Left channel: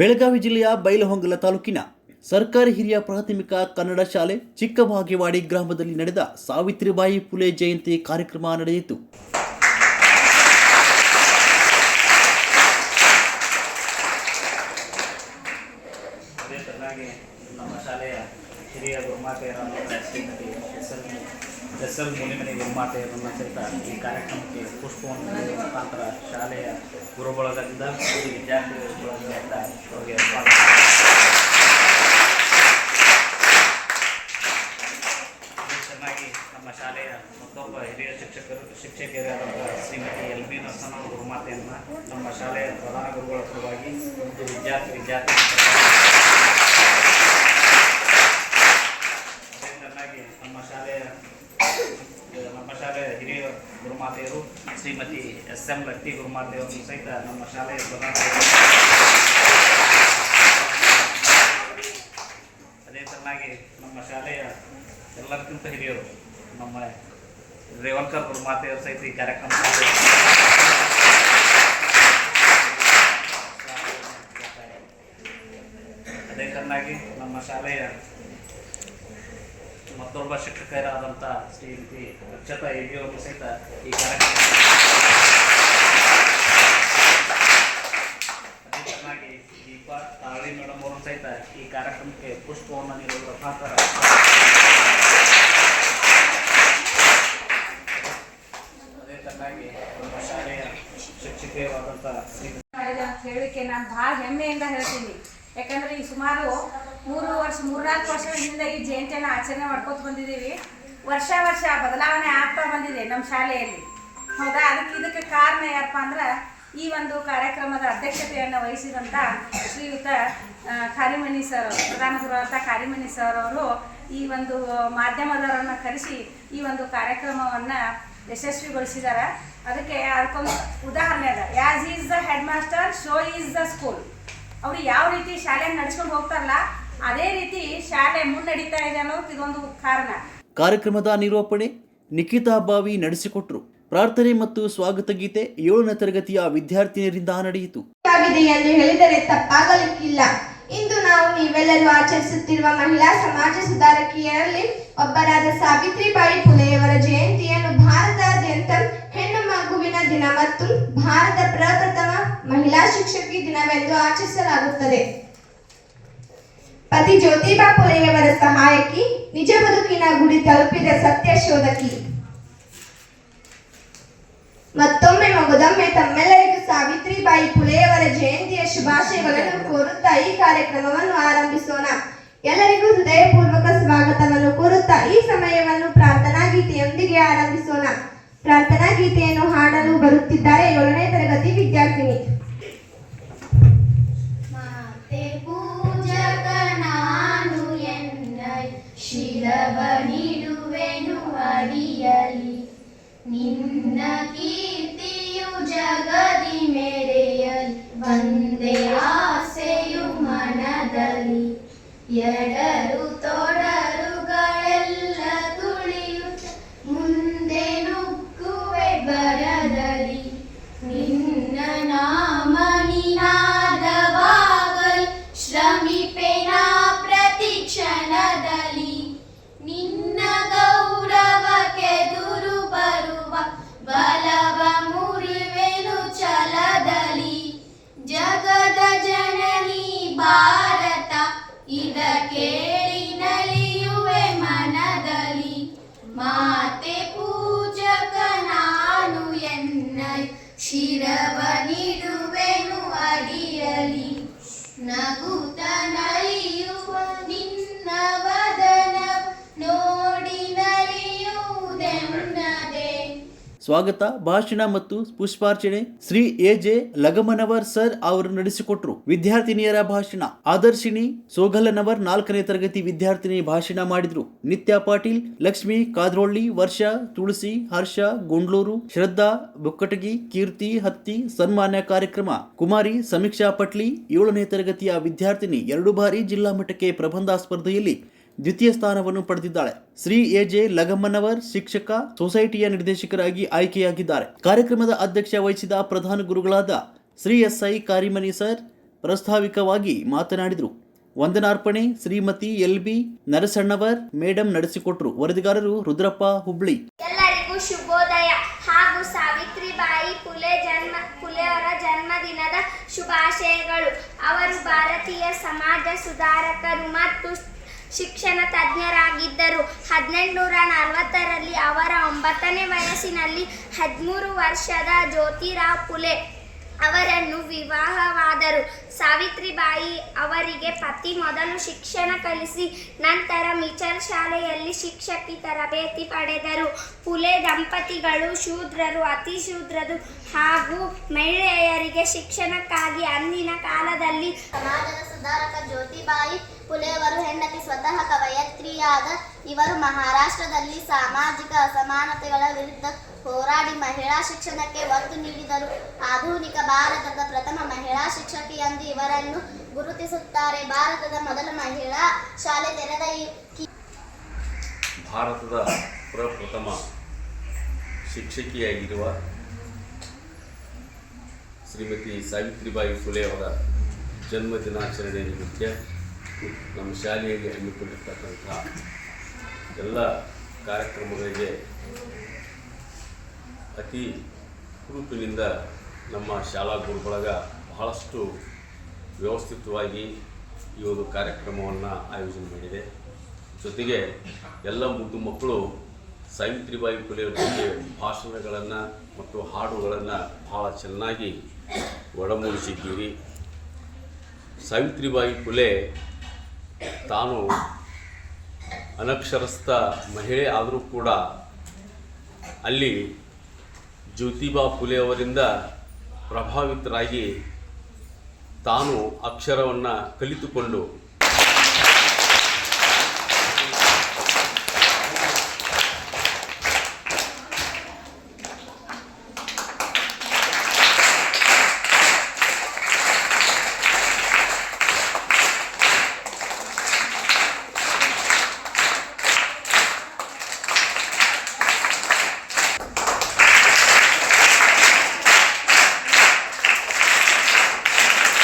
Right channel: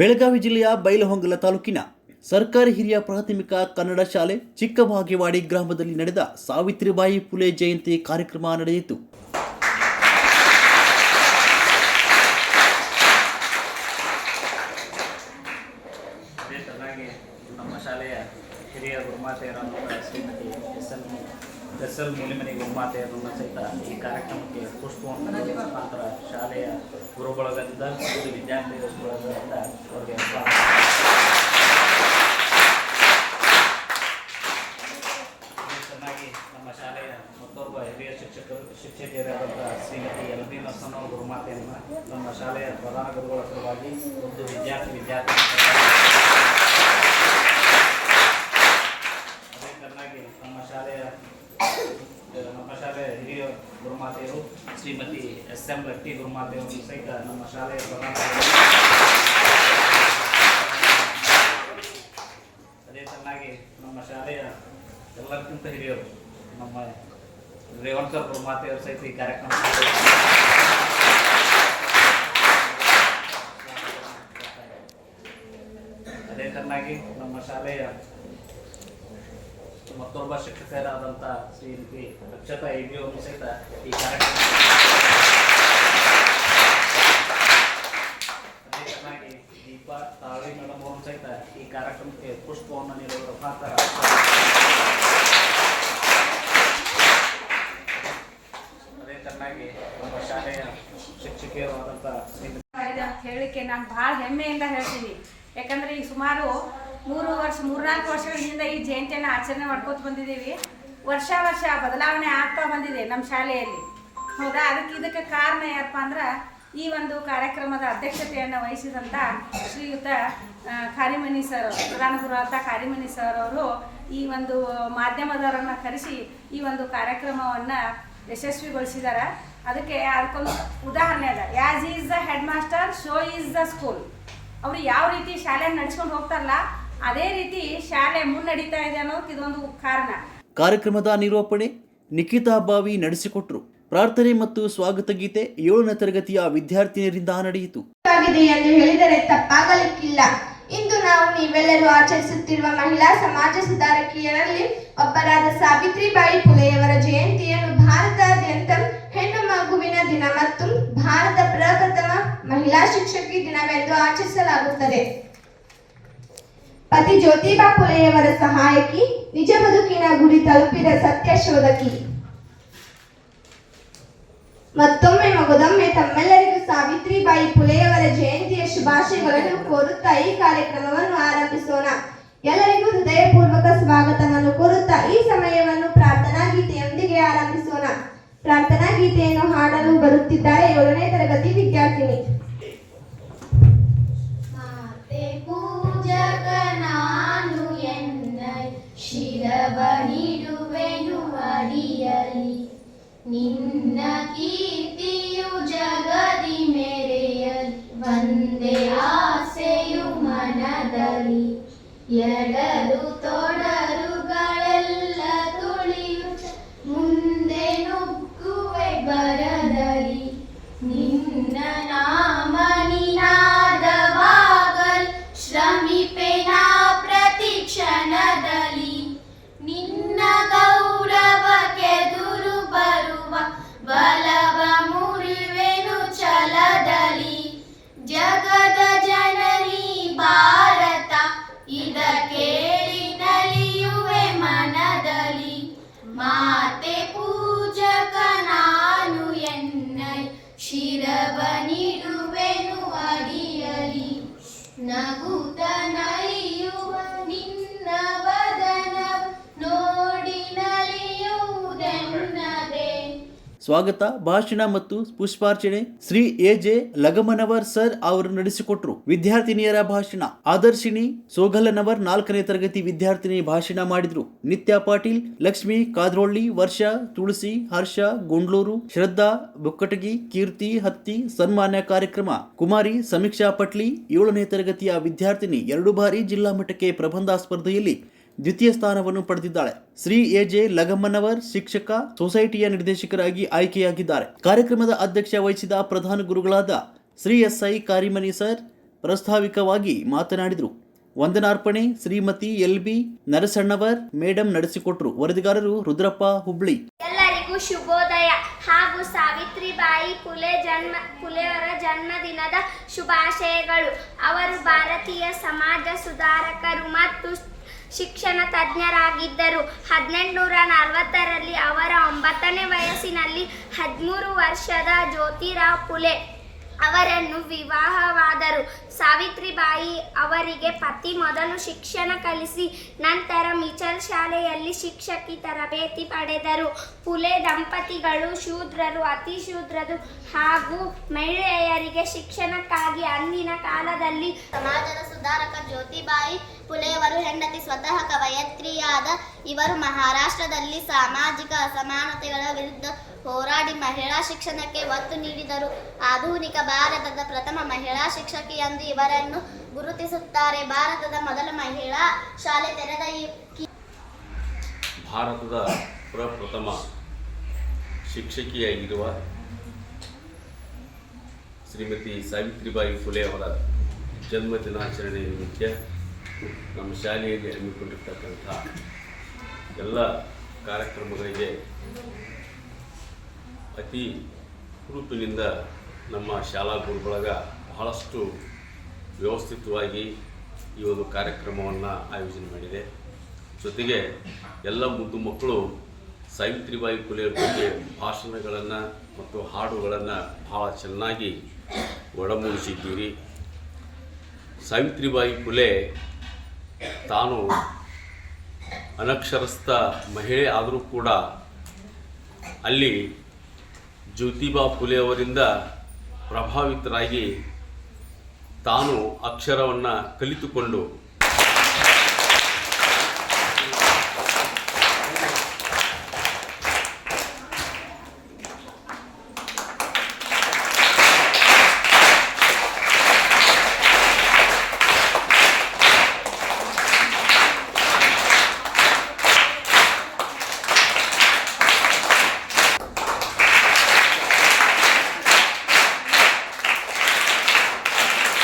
ಬೆಳಗಾವಿ ಜಿಲ್ಲೆಯ ಬೈಲಹೊಂಗಲ ತಾಲೂಕಿನ ಸರ್ಕಾರಿ ಹಿರಿಯ ಪ್ರಾಥಮಿಕ ಕನ್ನಡ ಶಾಲೆ ಚಿಕ್ಕಬಾಗೇವಾಡಿ ಗ್ರಾಮದಲ್ಲಿ ನಡೆದ ಸಾವಿತ್ರಿಬಾಯಿ ಫುಲೆ ಜಯಂತಿ ಕಾರ್ಯಕ್ರಮ ನಡೆಯಿತು. ನಮ್ಮ ಶಾಲೆಯ ಹಿರಿಯ ಗುರುಮಾತೆಯರಾದ ಶ್ರೀಮತಿ ಎಸ್.ಎಲ್. ಮೂಲಿಮನಿ ಗುರುಮಾತೆಯರನ್ನು ಸಹಿತ ಈ ಕಾರ್ಯಕ್ರಮಕ್ಕೆ ಪುಷ್ಪವನ್ನು ಮುಖಾಂತರ ಶಾಲೆಯ ಗುರುಬಳಗದಿಂದ ವಿದ್ಯಾರ್ಥಿಗಳು ಅವರಿಗೆ ಚೆನ್ನಾಗಿ ನಮ್ಮ ಶಾಲೆಯ ಮತ್ತೊಬ್ಬ ಹಿರಿಯ ಶಿಕ್ಷಕಿಯರಾದಂಥ ಶ್ರೀಮತಿ ಎಲ್.ಬಿ. ನರಸಮ್ಮ ಗುರುಮಾತೆಯನ್ನು ನಮ್ಮ ಶಾಲೆಯ ಪ್ರಧಾನ ಗುರುಗಳ ಪರವಾಗಿ ಒಂದು ವಿದ್ಯಾರ್ಥಿ ನಮ್ಮ ಶಾಲೆಯ ಹಿರಿಯ ಗುರುಮಾತೆಯರು ಶ್ರೀಮತಿ ಎಸ್.ಎಂ. ಭಟ್ಟಿ ಗುರುಮಾತೆಯವರು ಸಹಿತ ನಮ್ಮ ಶಾಲೆಯ ಪ್ರಧಾನ ಅದೇ ಚೆನ್ನಾಗಿ ನಮ್ಮ ಶಾಲೆಯ ಎಲ್ಲಕ್ಕಿಂತ ಹಿರಿಯರು ನಮ್ಮ ರೇವಂಕರ್ ಗುರುಮಾತೆಯವರು ಸಹಿತ ಈ ಕಾರ್ಯಕ್ರಮ ಅದೇ ಚೆನ್ನಾಗಿ ನಮ್ಮ ಶಾಲೆಯ ಮತ್ತೊಬ್ಬ ಶಿಕ್ಷಕರಾದಂಥ ಶ್ರೀಮತಿ ಅಕ್ಷತಾ ಅವರು ಸಹಿತ ಈ ಕಾರ್ಯಕ್ರಮ ಅದೇ ಚೆನ್ನಾಗಿ ದೀಪ ತಾಳಿ ಮೇಡಮ್ ಅವರು ಸಹಿತ ಈ ಕಾರ್ಯಕ್ರಮಕ್ಕೆ ಪುಷ್ಪವನ್ನು ನೀಡುವ ಮುಖಾಂತರ ಅದೇ ಚೆನ್ನಾಗಿ ನಮ್ಮ ಶಾಲೆಯ ಶಿಕ್ಷಕಿಯರಾದಂಥ ಹೇಳಿಕೆ ನಾನು ಭಾಳ ಹೆಮ್ಮೆಯಿಂದ ಹೇಳ್ತೀನಿ. ಯಾಕಂದರೆ ಈಗ ಸುಮಾರು 3-4 ವರ್ಷಗಳಿಂದ ಈ ಜಯಂತಿಯನ್ನು ಆಚರಣೆ ಮಾಡ್ಕೋತ ಬಂದಿದ್ದೀವಿ. ವರ್ಷ ಬದಲಾವಣೆ ಆಗ್ತಾ ಬಂದಿದೆ ನಮ್ಮ ಶಾಲೆಯಲ್ಲಿ. ಹೌದಾ, ಇದಕ್ಕೆ ಕಾರಣ ಏನಪ್ಪ ಅಂದ್ರೆ ಈ ಒಂದು ಕಾರ್ಯಕ್ರಮದ ಅಧ್ಯಕ್ಷತೆಯನ್ನು ವಹಿಸಿದಂಥ ಶ್ರೀಯುತ ಕಾರಿಮನಿ ಸರ್, ಪ್ರಧಾನ ಗುರುವಾದ ಕಾರಿಮನಿ ಸರ್ ಅವರು ಈ ಒಂದು ಮಾಧ್ಯಮದವರನ್ನು ಕರೆಸಿ ಈ ಒಂದು ಕಾರ್ಯಕ್ರಮವನ್ನು ಯಶಸ್ವಿಗೊಳಿಸಿದ್ದಾರೆ. ಅದಕ್ಕೊಂದು ಉದಾಹರಣೆ ಅದ. As is the head master, show is the school. ಅವರು ಯಾವ ರೀತಿ ಶಾಲೆಯನ್ನು ನಡೆಸ್ಕೊಂಡು ಹೋಗ್ತಾರಲ್ಲ ಅದೇ ರೀತಿ ಶಾಲೆ ಮುನ್ನಡೀತಾ ಇದೆ ಅನ್ನೋದಕ್ಕೆ ಇದೊಂದು ಕಾರಣ. ಕಾರ್ಯಕ್ರಮದ ನಿರೂಪಣೆ ನಿಖಿತಾ ಬಾವಿ ನಡೆಸಿಕೊಟ್ಟರು. ಪ್ರಾರ್ಥನೆ ಮತ್ತು ಸ್ವಾಗತ ಗೀತೆ 7ನೇ ತರಗತಿಯ ವಿದ್ಯಾರ್ಥಿನಿಯರಿಂದ ನಡೆಯಿತು. ಎಂದು ಹೇಳಿದರೆ ತಪ್ಪಾಗಲಿಕ್ಕಿಲ್ಲ. ಇಂದು ನಾವು ನೀವೆಲ್ಲರೂ ಆಚರಿಸುತ್ತಿರುವ ಮಹಿಳಾ ಸಮಾಜ ಸುಧಾರಕಿಯರಲ್ಲಿ ಒಬ್ಬರಾದ ಸಾವಿತ್ರಿಬಾಯಿ ಫುಲೆಯವರ ಜಯಂತಿಯನ್ನು ಭಾರತಾದ್ಯಂತ ಹೆಣ್ಣು ಮಗುವಿನ ದಿನ ಮತ್ತು ಭಾರತ ಪ್ರಪ್ರಥಮ ಮಹಿಳಾ ಶಿಕ್ಷಕಿ ದಿನವೆಂದು ಆಚರಿಸಲಾಗುತ್ತದೆ. ಪತಿ ಜ್ಯೋತಿಬಾ ಫುಲೆಯವರ ಸಹಾಯಕಿ, ನಿಜ ಬದುಕಿನ ಗುರಿ ತಲುಪಿದ ಸತ್ಯ ಶೋಧಕಿ. ಮತ್ತೊಮ್ಮೆ ಮಗದೊಮ್ಮೆ ತಮ್ಮೆಲ್ಲರಿಗೂ ಸಾವಿತ್ರಿಬಾಯಿ ಫುಲೆಯವರ ಜಯಂತಿಯ ಶುಭಾಶಯಗಳನ್ನು ಕೋರುತ್ತಾ ಈ ಕಾರ್ಯಕ್ರಮವನ್ನು ಆರಂಭಿಸೋಣ. ಎಲ್ಲರಿಗೂ ಹೃದಯಪೂರ್ವಕ ಸ್ವಾಗತವನ್ನು ಕೋರುತ್ತಾ ಈ ಸಮಯವನ್ನು ಪ್ರಾರ್ಥನಾ ಗೀತೆಯೊಂದಿಗೆ ಆರಂಭಿಸೋಣ. ಪ್ರಾರ್ಥನಾ ಗೀತೆಯನ್ನು ಹಾಡಲು ಬರುತ್ತಿದ್ದಾರೆ 7ನೇ ತರಗತಿ ವಿದ್ಯಾರ್ಥಿನಿ. ಶಿರವನಿಡುವೆನು ಅಡಿಯಲಿ, ನಿನ್ನ ಕೀರ್ತಿಯು ಜಗದಿ ಮೆರೆಯಲಿ, ಒಂದೇ ಆಸೆಯು ಮನದಲ್ಲಿ, ಎಡರು ತೊಡರುಗಳೆಲ್ಲ ತುಳಿಯುತ್ತ ಮುಂದೆ ನುಗ್ಗುವೆ ಬರದಲ್ಲಿ, ನಿನ್ನ ನಾಮ ನಿನಾದವಾಗಲ್ ಶ್ರಮಿಪೆನಾ ಪ್ರತಿ ಕ್ಷಣದಲ್ಲಿ, ನಿನ್ನ ಗೌರವಕ್ಕೆದುರು ಬರುವ ಬಲವ ಮುರಿವೆನು ಛಲದಲ್ಲಿ, ಜಗದ ಜನನಿ ಭಾರತ ಇದ ಕೇಳಿ ನಲಿಯುವೆ ಮನದಲ್ಲಿ, ಮಾತೆ ಪೂಜಕ ನಾನು ಎನ್ನೈ ಶಿರವನಿಡುವೆನು ಅಡಿಯಲಿ, ನಗುತ್ತ ನಲಿಯುವ ನಿನ್ನ ವದನ ನೋಡಿ ನಲಿಯುವುದೆನ್ನದೆ. ಸ್ವಾಗತ ಭಾಷಣ ಮತ್ತು ಪುಷ್ಪಾರ್ಚನೆ ಶ್ರೀ ಎ.ಜೆ. ಲಗಮನವರ್ ಸರ್ ಅವರು ನಡೆಸಿಕೊಟ್ರು. ವಿದ್ಯಾರ್ಥಿನಿಯರ ಭಾಷಣ ಆದರ್ಶಿನಿ ಸೋಗಲನವರ್ 4ನೇ ತರಗತಿ ವಿದ್ಯಾರ್ಥಿನಿ ಭಾಷಣ ಮಾಡಿದ್ರು. ನಿತ್ಯ ಪಾಟೀಲ್, ಲಕ್ಷ್ಮಿ ಕಾದ್ರೋಳ್ಳಿ, ವರ್ಷ, ತುಳಸಿ, ಹರ್ಷ, ಗುಂಡ್ಲೂರು, ಶ್ರದ್ಧಾ ಬೊಕ್ಕಟಗಿ, ಕೀರ್ತಿ ಹತ್ತಿ ಸನ್ಮಾನ್ಯ ಕಾರ್ಯಕ್ರಮ. ಕುಮಾರಿ ಸಮೀಕ್ಷಾ ಪಟ್ಲಿ 7ನೇ ತರಗತಿಯ ವಿದ್ಯಾರ್ಥಿನಿ 2 ಬಾರಿ ಜಿಲ್ಲಾ ಮಟ್ಟಕ್ಕೆ ಪ್ರಬಂಧ ಸ್ಪರ್ಧೆಯಲ್ಲಿ ದ್ವಿತೀಯ ಸ್ಥಾನವನ್ನು ಪಡೆದಿದ್ದಾಳೆ. ಶ್ರೀ ಎ.ಜೆ. ಲಗಮ್ಮನವರ್ ಶಿಕ್ಷಕ ಸೊಸೈಟಿಯ ನಿರ್ದೇಶಕರಾಗಿ ಆಯ್ಕೆಯಾಗಿದ್ದಾರೆ. ಕಾರ್ಯಕ್ರಮದ ಅಧ್ಯಕ್ಷ ವಹಿಸಿದ ಪ್ರಧಾನ ಗುರುಗಳಾದ ಶ್ರೀ ಎಸ್.ಐ. ಕಾರಿಮನಿ ಸರ್, ಪ್ರಾಸ್ತಾವಿಕವಾಗಿ ಮಾತನಾಡಿದರು. ವಂದನಾರ್ಪಣೆ ಶ್ರೀಮತಿ LB ನರಸಣ್ಣವರ್ ಮೇಡಂ ನಡೆಸಿಕೊಟ್ರು. ವರದಿಗಾರರು ರುದ್ರಪ್ಪ, ಹುಬ್ಳಿ. ಎಲ್ಲರಿಗೂ ಶುಭೋದಯ ಹಾಗೂ ಸಾವಿತ್ರಿಬಾಯಿ ಫುಲೆಯವರ ಜನ್ಮದಿನದ ಶುಭಾಶಯಗಳು. ಅವರು ಭಾರತೀಯ ಸಮಾಜ ಸುಧಾರಕರು ಮತ್ತು ಶಿಕ್ಷಣ ತಜ್ಞರಾಗಿದ್ದರು. 1840ರಲ್ಲಿ ಅವರ 9ನೇ ವಯಸ್ಸಿನಲ್ಲಿ 13 ವರ್ಷದ ಜ್ಯೋತಿರಾವ್ ಫುಲೆ ಅವರನ್ನು ವಿವಾಹವಾದರು. ಸಾವಿತ್ರಿಬಾಯಿ ಅವರಿಗೆ ಪತಿ ಮೊದಲು ಶಿಕ್ಷಣ ಕಲಿಸಿ ನಂತರ ಮಿಚಲ್ ಶಾಲೆಯಲ್ಲಿ ಶಿಕ್ಷಕಿ ತರಬೇತಿ ಪಡೆದರು. ಫುಲೆ ದಂಪತಿಗಳು ಶೂದ್ರರು, ಅತಿ ಶೂದ್ರರು ಹಾಗೂ ಮಹಿಳೆಯರಿಗೆ ಶಿಕ್ಷಣಕ್ಕಾಗಿ ಅಂದಿನ ಕಾಲದಲ್ಲಿ ಸಮಾಜದ ಸುಧಾರಕ ಜ್ಯೋತಿಬಾಯಿ ಫುಲೆಯವರು ಹೆಂಡತಿ ಸ್ವತಃ ಕವಯತ್ರಿಯಾದ ಇವರು ಮಹಾರಾಷ್ಟ್ರದಲ್ಲಿ ಸಾಮಾಜಿಕ ಅಸಮಾನತೆಗಳ ವಿರುದ್ಧ ಹೋರಾಡಿ ಮಹಿಳಾ ಶಿಕ್ಷಣಕ್ಕೆ ಒತ್ತು ನೀಡಿದರು. ಆಧುನಿಕ ಭಾರತದ ಪ್ರಥಮ ಮಹಿಳಾ ಶಿಕ್ಷಕಿ ಎಂದು ಇವರನ್ನು ಗುರುತಿಸುತ್ತಾರೆ. ಭಾರತದ ಮೊದಲ ಮಹಿಳಾ ಶಾಲೆ ತೆರೆದ ಭಾರತದ ಪ್ರಪ್ರಥಮ ಶಿಕ್ಷಕಿಯಾಗಿರುವ ಶ್ರೀಮತಿ ಸಾವಿತ್ರಿಬಾಯಿ ಫುಲೆ ಅವರ ಜನ್ಮದಿನಾಚರಣೆ ನಿಮಿತ್ತ ನಮ್ಮ ಶಾಲೆಯಲ್ಲಿ ಹಮ್ಮಿಕೊಂಡಿರ್ತಕ್ಕಂಥ ಎಲ್ಲ ಕಾರ್ಯಕ್ರಮಗಳಿಗೆ ಅತಿ ಹುರುಪಿನಿಂದ ನಮ್ಮ ಶಾಲಾ ಗುರುಬಳಗ ಬಹಳಷ್ಟು ವ್ಯವಸ್ಥಿತವಾಗಿ ಈ ಒಂದು ಕಾರ್ಯಕ್ರಮವನ್ನು ಆಯೋಜನೆ ಮಾಡಿದೆ. ಜೊತೆಗೆ ಎಲ್ಲ ಮುದ್ದು ಮಕ್ಕಳು ಸಾವಿತ್ರಿಬಾಯಿ ಫುಲೆ ಬಗ್ಗೆ ಭಾಷಣಗಳನ್ನು ಮತ್ತು ಹಾಡುಗಳನ್ನು ಬಹಳ ಚೆನ್ನಾಗಿ ಒಳಮೂಡಿಸಿದ್ದೀರಿ. ಸಾವಿತ್ರಿಬಾಯಿ ಫುಲೆ ತಾನು ಅನಕ್ಷರಸ್ಥ ಮಹಿಳೆ ಆದರೂ ಕೂಡ ಅಲ್ಲಿ ಜ್ಯೋತಿಬಾ ಫುಲೆ ಅವರಿಂದ ಪ್ರಭಾವಿತರಾಗಿ ತಾನು ಅಕ್ಷರವನ್ನು ಕಲಿತುಕೊಂಡು